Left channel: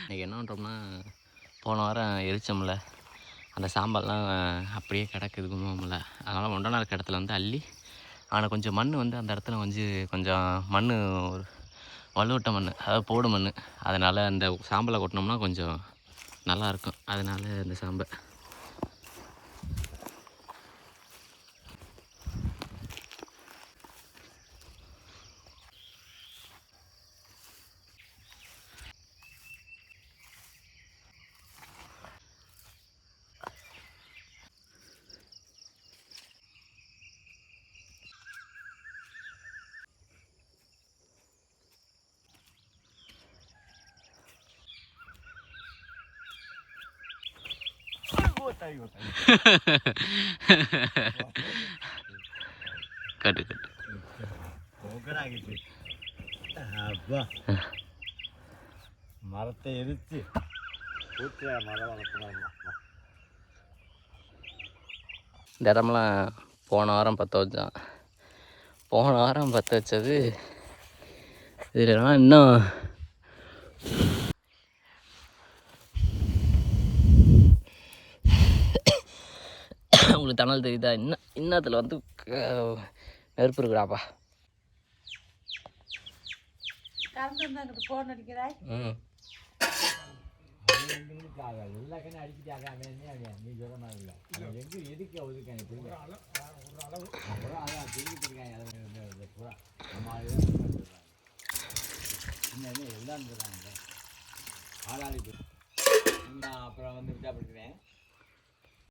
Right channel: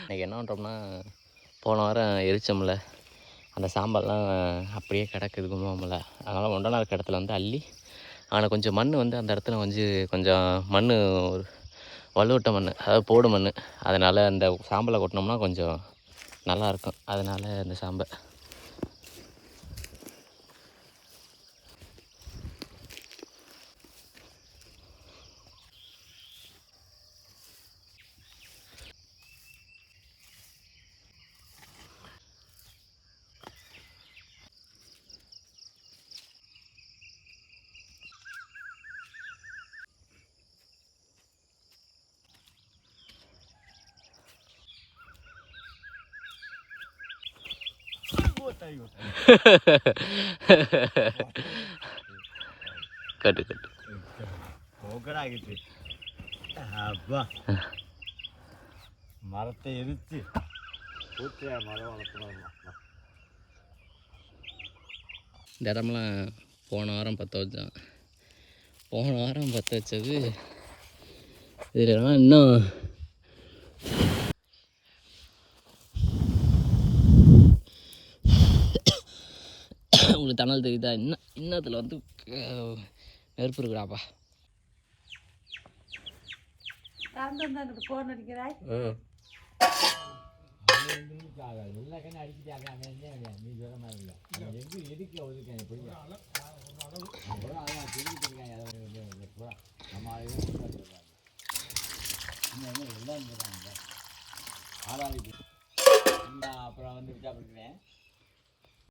இன்றைக்கி என்ன பண்ணுறோம்னா, போன வாரம் எரிச்சோம்ல அந்த சாம்பார்லாம் அப்படியே கிடக்குது கும்பமில்ல. அதனால் ஒன்றா இருக்க இடத்துல வந்து அள்ளி அதில் கொஞ்சம் மண் வந்து அந்த இடத்துல வந்து கொஞ்சம் மண் வலுவட்ட மண், அதாவது போடு மண். அதனால் அந்த சாம்பலை கொட்டினோம்னா கொஞ்சம் நல்லாயிருக்கும். அதனால் அந்த சாம்பை கட்டு கட்டு அப்பா மரத்தை எரித்து மரம் வளர்க்கணும். இந்த இடம்லாம் போன வாரம் பற்ற வச்சான். போன வாரம் பற்ற வச்சது இதெல்லாம் இன்னும் உங்களுக்கு தணல் தெரியுதா? இன்னத்தில் வந்து நெருப்பு இருக்குடாப்பா. போன் அடிக்கிறாய். எல்லா கண்ணு அடிக்கிட்டாங்க. நீ சொல்ல மாதிரி இல்லை. எங்கே எதுக்கு ஒதுக்காங்க அதான் தெரிஞ்சுருக்காங்க. நம்ம ஆளுதான் சொல்கிறாங்க. இன்னும் எல்லாரும் சொல்கிறாங்க. ஆளாளி அப்புறம் வந்து விசாரிக்கிறேன்.